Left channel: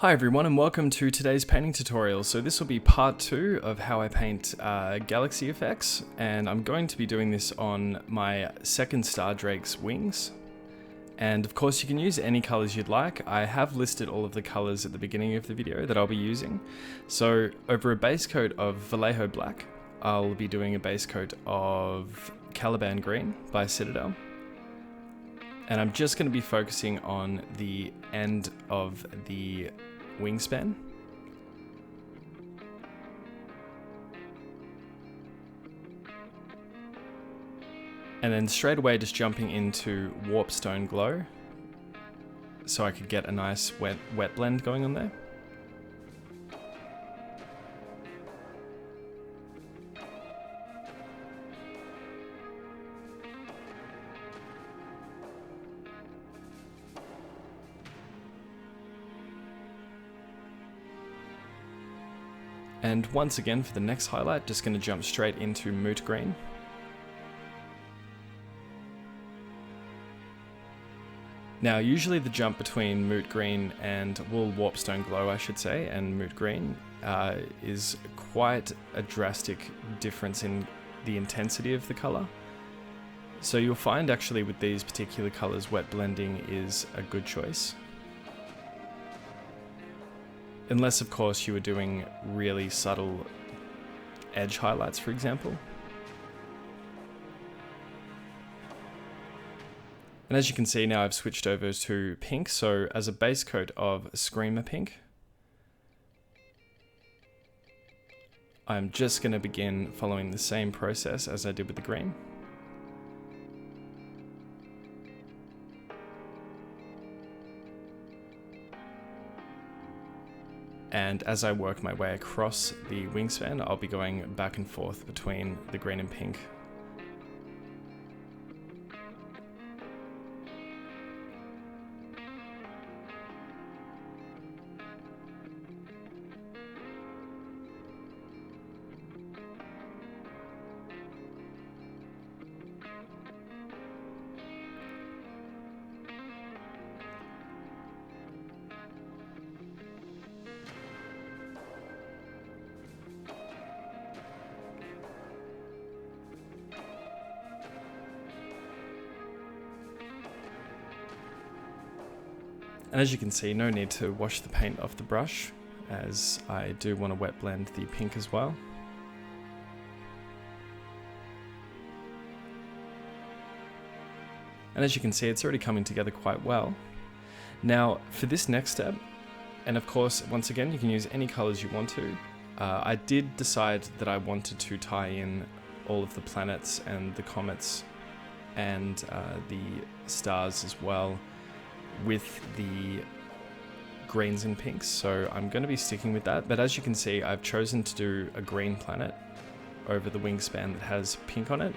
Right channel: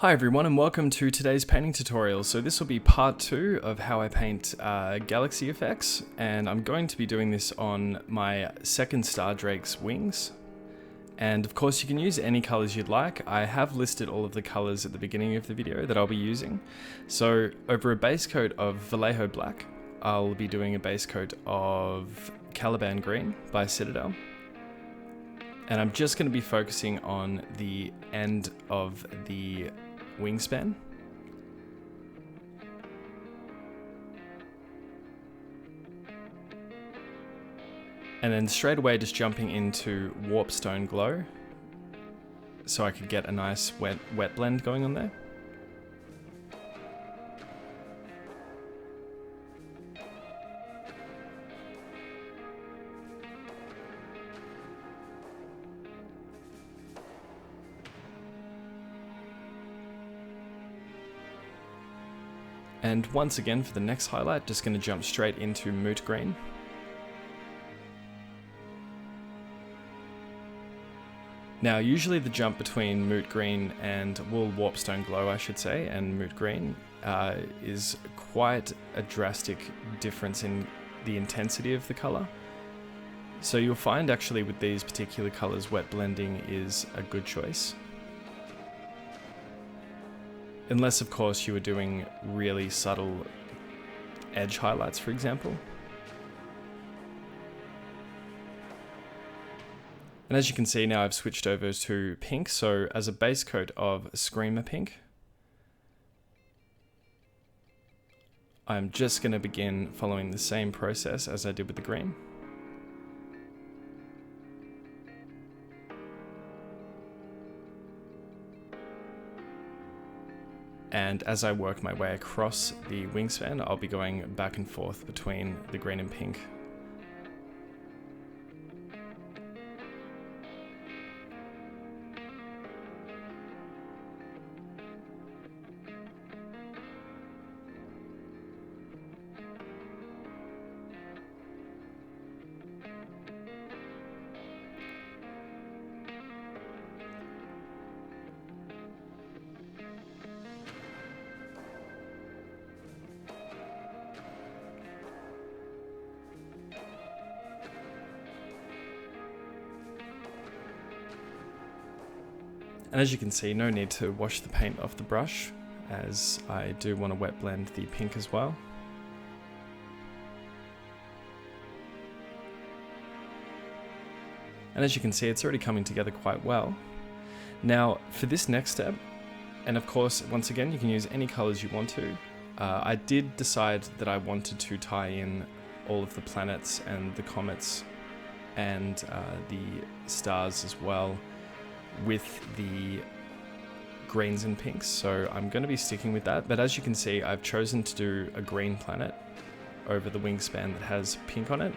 Hi everyone and welcome to today's painting tutorial. So this will be part 2 of how I paint galaxy effects, and I'm going to be doing this on my second Star Drake's wings. And of course you can use any colors you'd like. I have listed all of the colors at the beginning of the video that I'll be using. So over a base coat of Vallejo Black, I'll be doing a base coat of Caliban Green by Citadel. And I'm just going to be focusing on the end of the wingspan. And then straight away just jumping into Warpstone Glow so I could get a nice wet blend going on there. And once again for the next highlight, just going to jump straight into Moot Green. Now usually the jump between Moot Green and Warpstone Glow, I should say, and Moot Green is quite a drastic difference in the intensity of the color. So you'll find actually with these particular colors, wet blending is a good choice. Unless, of course, you were doing really subtle edge highlights, for example. And as you can see now, I've switched over to pink. So as a base coat of Screamer Pink, I'm just going to begin following the same process as I did with the green. And as I work my way across the wingspan, I'll be going back and forth between the green and pink. And as you can see, no need to wash the paint off the brush, as I do want to wet blend the pink as well. And as you can see, it's already coming together quite well. Now, for this next step, and of course, once again, you can use any colors you want to. I did decide that I wanted to tie in all of the planets and the comets and the stars as well with the greens and pinks, so I'm going to be sticking with that. But as you can see, I've chosen to do a green planet over the wingspan that has pink on it,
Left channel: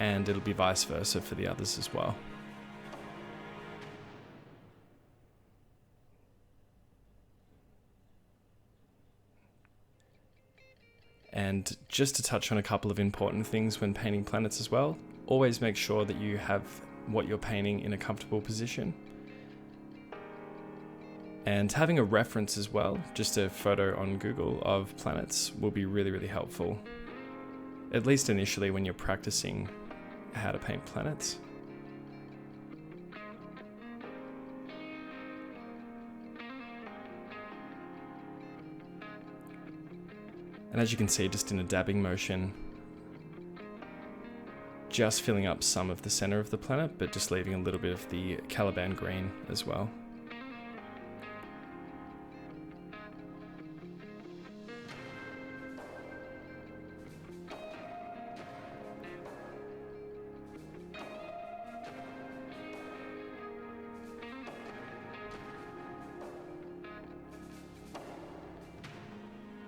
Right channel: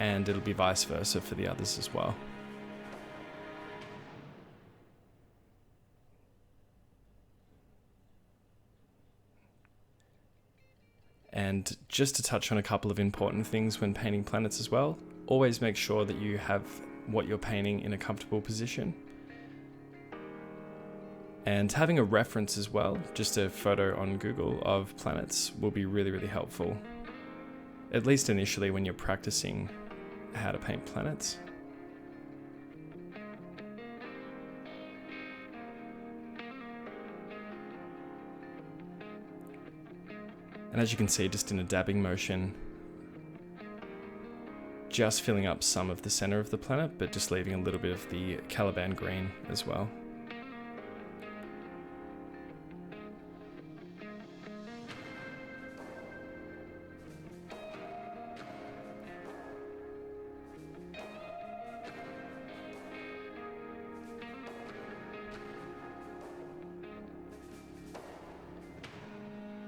and it'll be vice versa for the others as well. And just to touch on a couple of important things when painting planets as well, always make sure that you have what you're painting in a comfortable position. And having a reference as well, just a photo on Google of planets, will be really, really helpful. At least initially when you're practicing how to paint planets. And as you can see, just in a dabbing motion, just filling up some of the center of the planet, but just leaving a little bit of the Caliban green as well.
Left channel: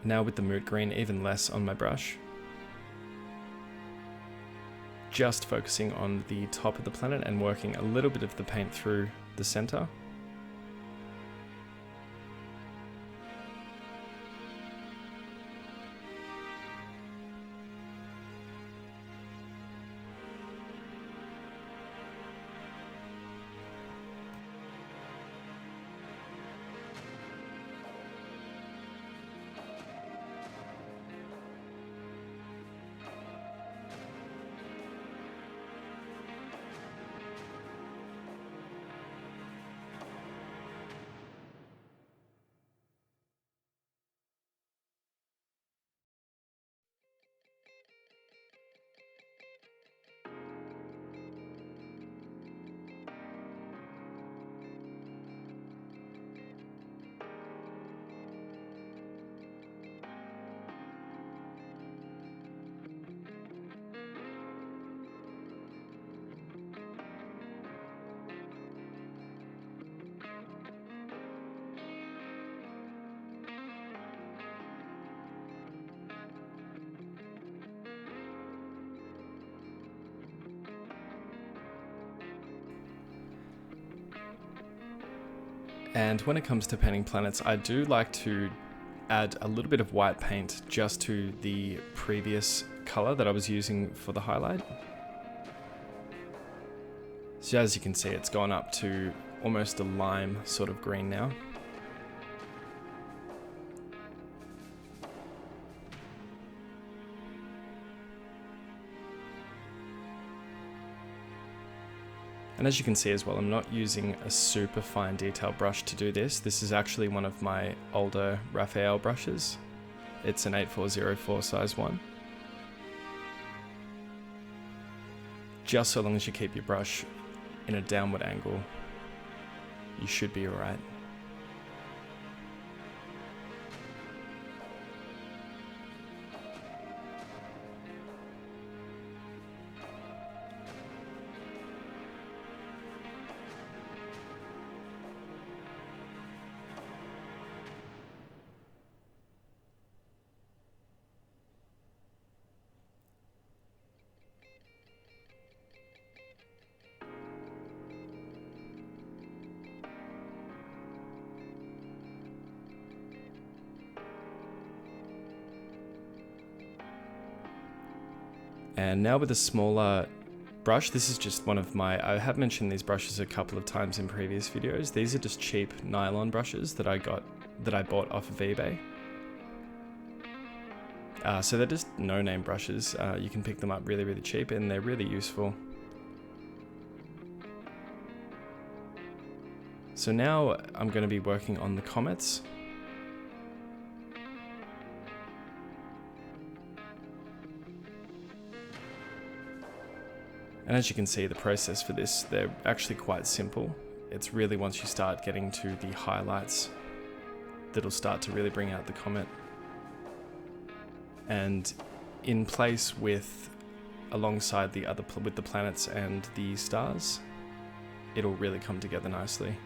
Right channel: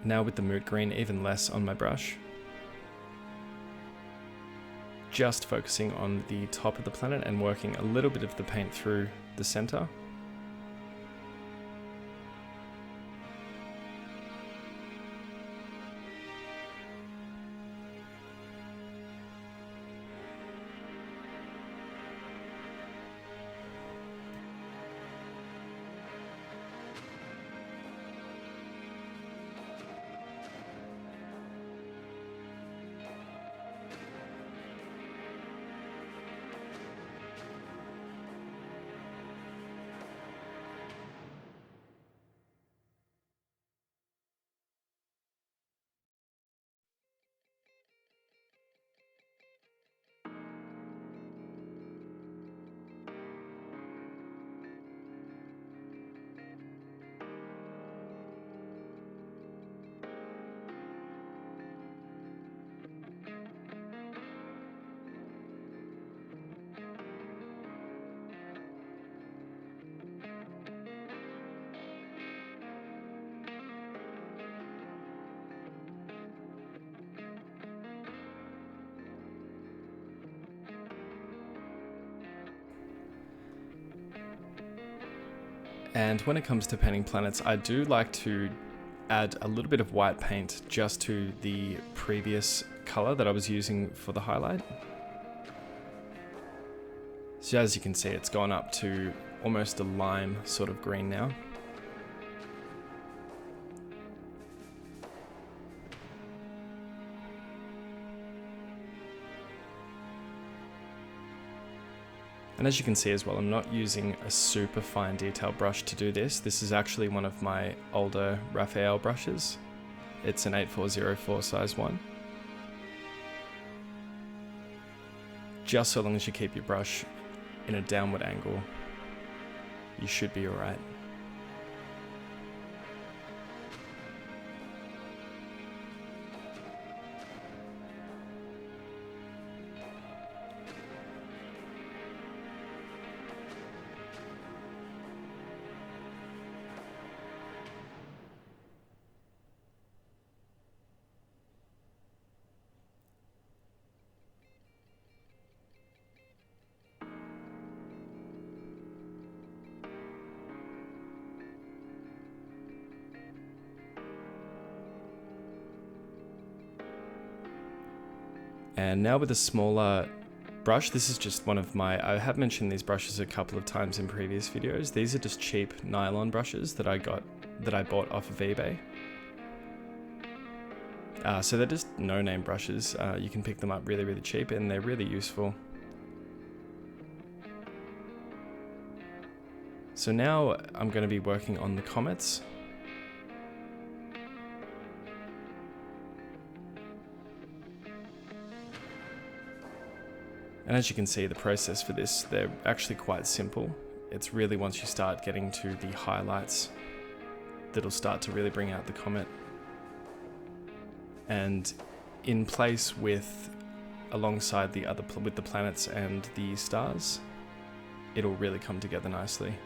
Now with the Moot Green, even less on my brush. Just focusing on the top of the planet and working a little bit of the paint through the center. And when it comes to painting planets, I do like to add a little bit of white paint just to the previous color that I was using for the highlight. So as you can see, it's gone up to almost a lime sort of green now. And as you can see as well, I'm not using a super fine detail brush to do this. This is actually one of my older Raphael brushes. It's an 8404 size one. Just so long as you keep your brush in a downward angle, you should be alright. And now with a smaller brush, this is just one of my, I have mentioned these brushes a couple of times in previous videos. These are just cheap nylon brushes that I bought off of eBay. So they're just no-name brushes. You can pick them up really, really cheap and they're really useful. So now I'm going to be working on the comets. And as you can see, the process for this, they're actually quite simple. It's really once you start getting to the highlights that'll start to really bring out the comet. And in place with, alongside the other, with the planets and the stars, it'll really come together nicely.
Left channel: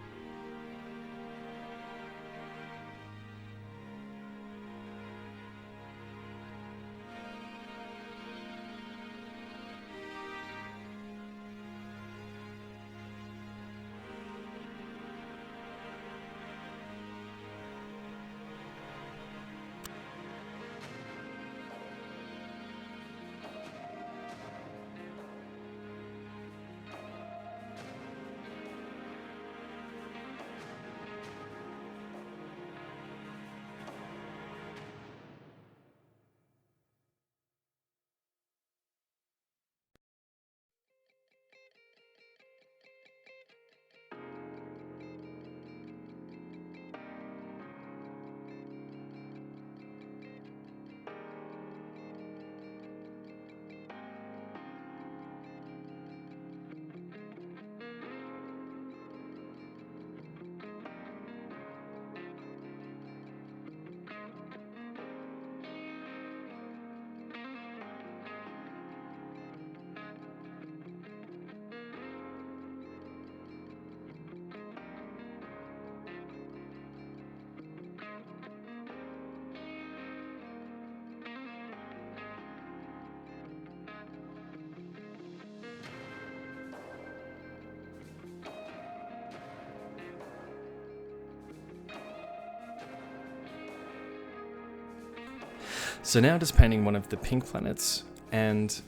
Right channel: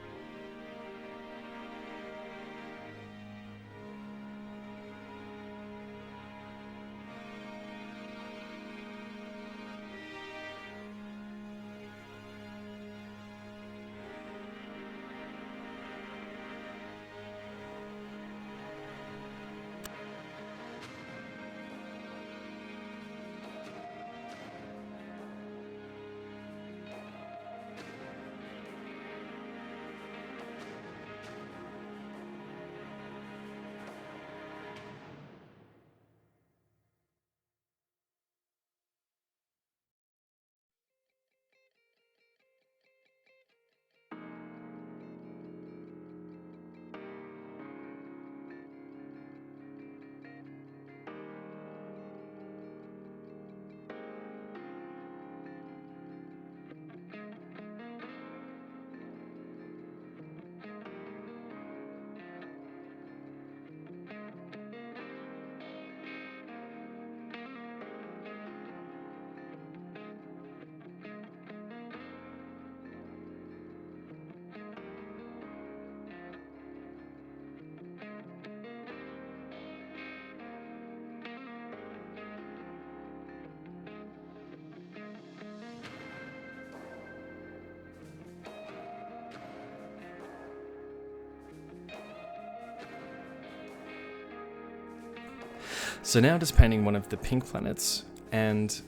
So now just painting one of the pink planets, and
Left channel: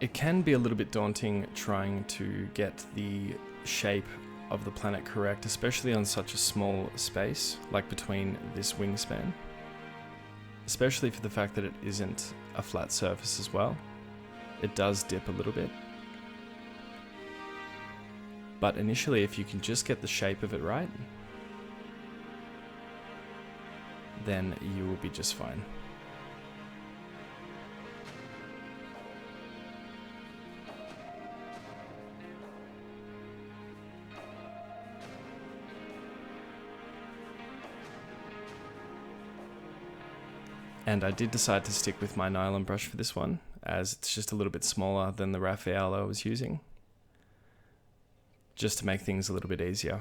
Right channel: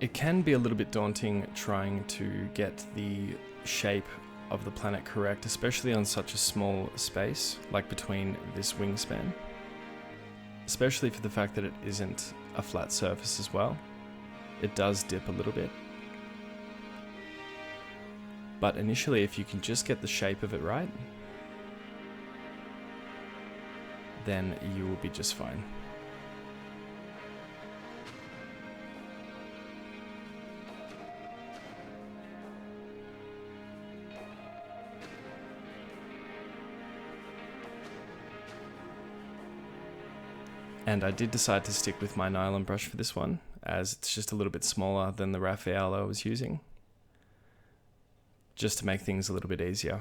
it can be a little bit daunting trying to get the shape of the planet correct, especially on such a small space, like between this wingspan. Especially for the fact that it isn't a flat surface as well. It does dip a little bit. But initially, if you can just get the shape of it right, then you will be just fine. And I did decide to stick with my nylon brush for this one, as it's just a little bit smaller than the Raphael I was using, just to make things a little bit easier.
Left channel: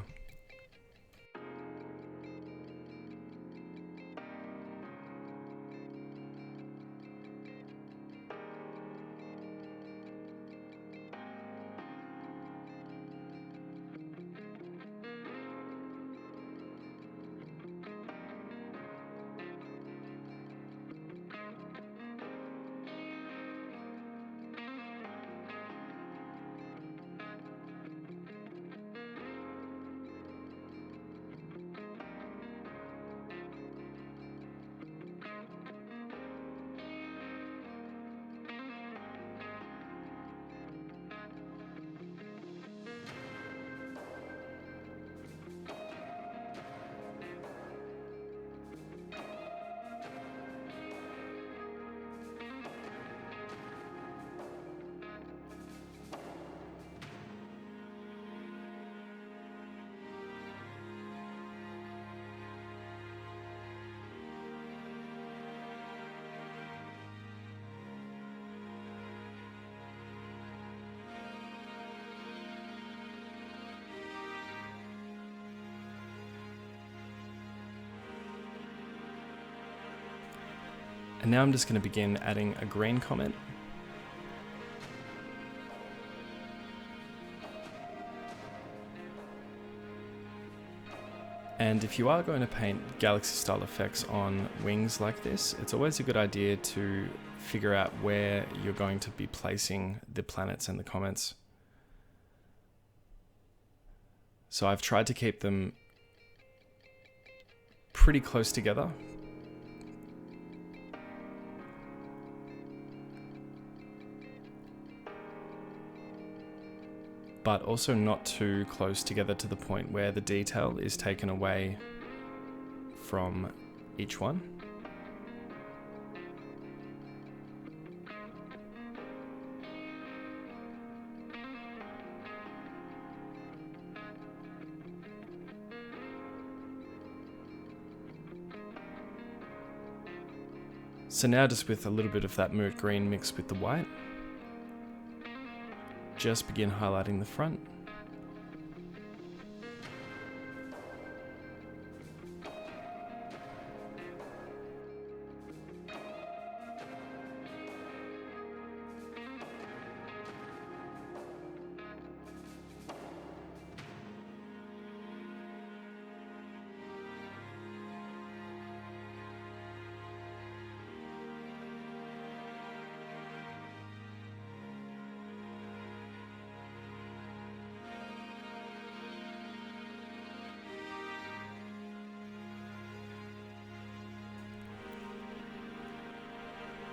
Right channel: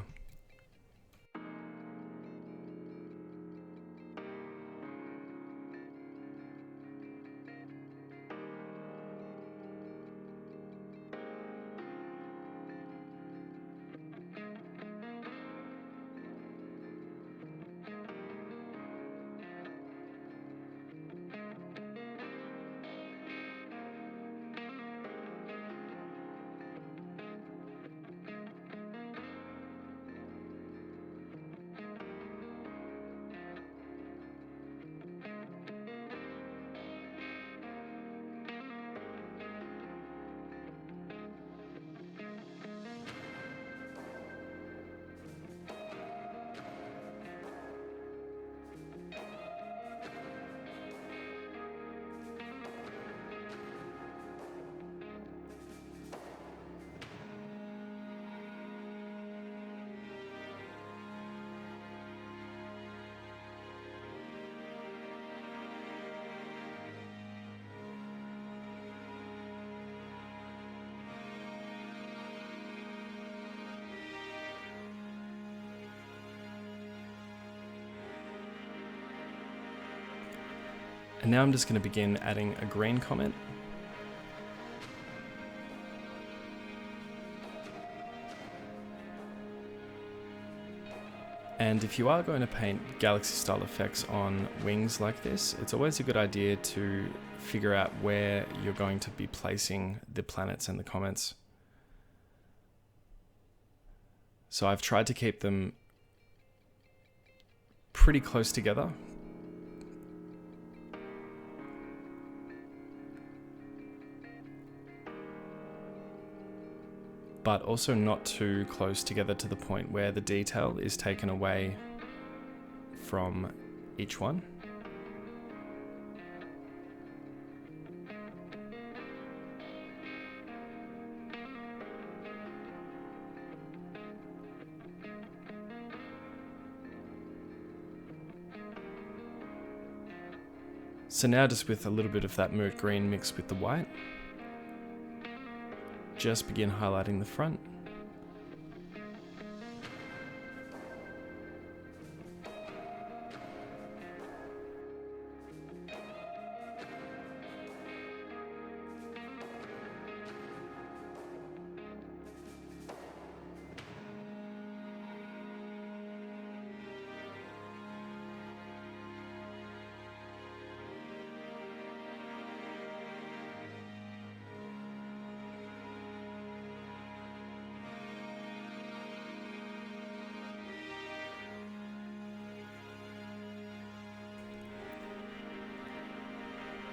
And now I'm just going to begin adding a green comet. And if you are going to paint galaxy style effects on wings like this, it's always a good idea to figure out where you're going to be placing the planets and the comets. So I've tried to keep them pretty close together. But also not too close together to the point where the detail is taken away from each one. So now just with a little bit of that moot green mixed with the white, just begin highlighting the front.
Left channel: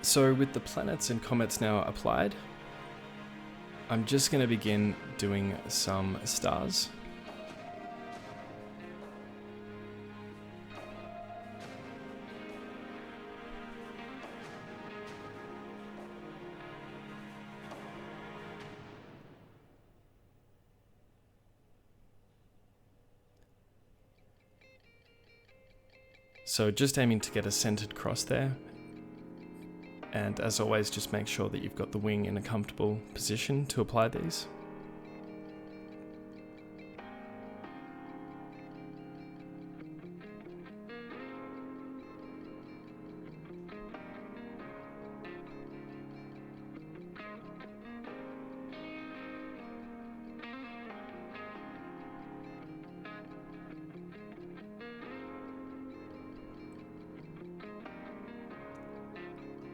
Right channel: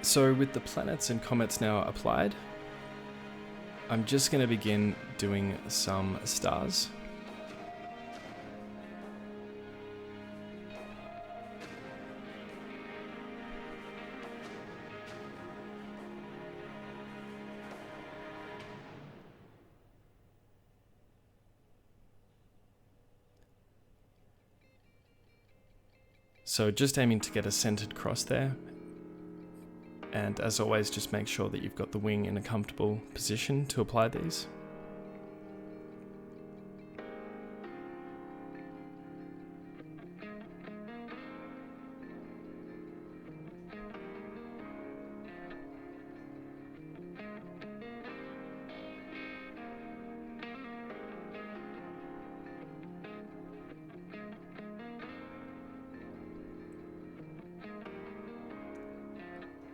So with the planets and comets now applied, I'm just going to begin doing some stars. So just aiming to get a centered cross there. And as always, just make sure that you've got the wing in a comfortable position to apply these.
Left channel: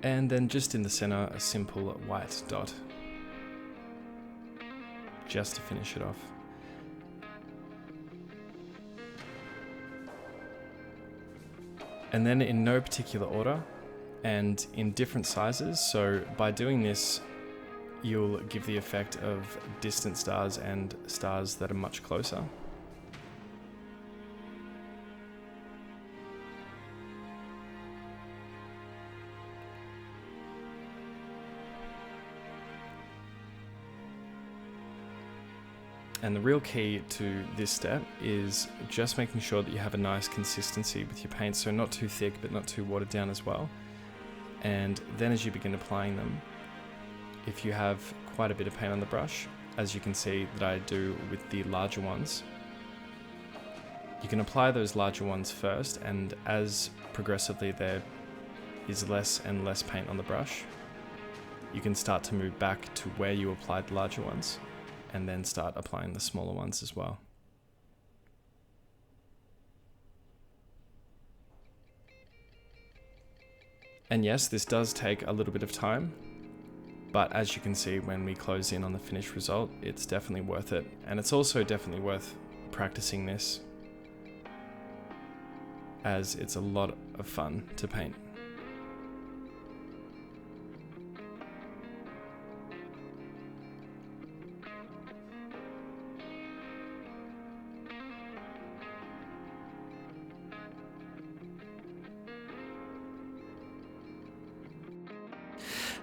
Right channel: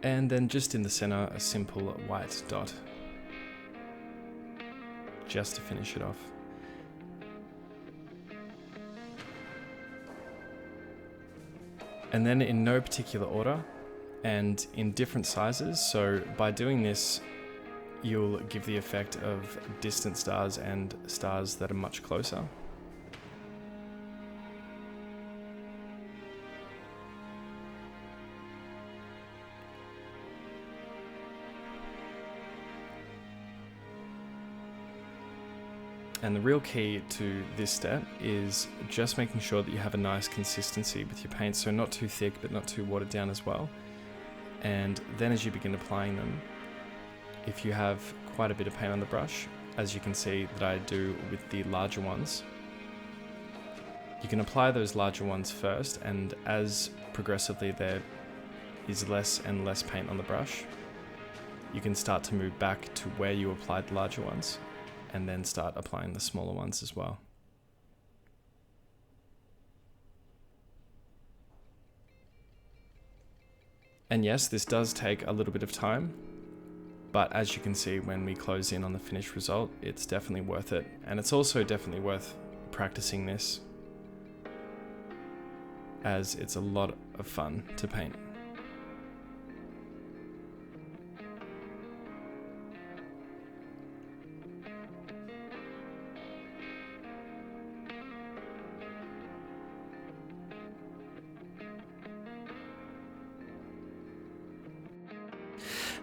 And then just in the center, a simple white dot, just to finish it off. And then in no particular order and in different sizes. So by doing this, you'll give the effect of distant stars and stars that are much closer. And the real key to this step is just making sure that you have a nice consistency with your paint, so not too thick but not too watered down as well. And then as you begin applying them, if you have quite a bit of paint on the brush, as you can see that I do with the larger ones, you can apply those larger ones first, and as progressively there is less and less paint on the brush, you can start to move back to where you applied the larger ones, and then start applying the smaller ones as well. And yes, this does take a little bit of time, but as you can see when we close in on the finished result, it's definitely worth it. And it's also definitely worth practicing this, as it's a lot of fun to paint.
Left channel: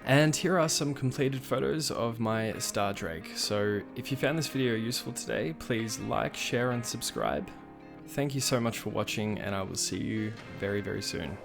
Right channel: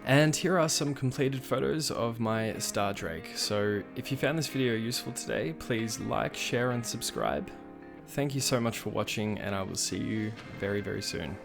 And here are some completed photos of my star drake. So if you found this video useful today, please like, share and subscribe. Thank you so much for watching, and I will see you very, very soon.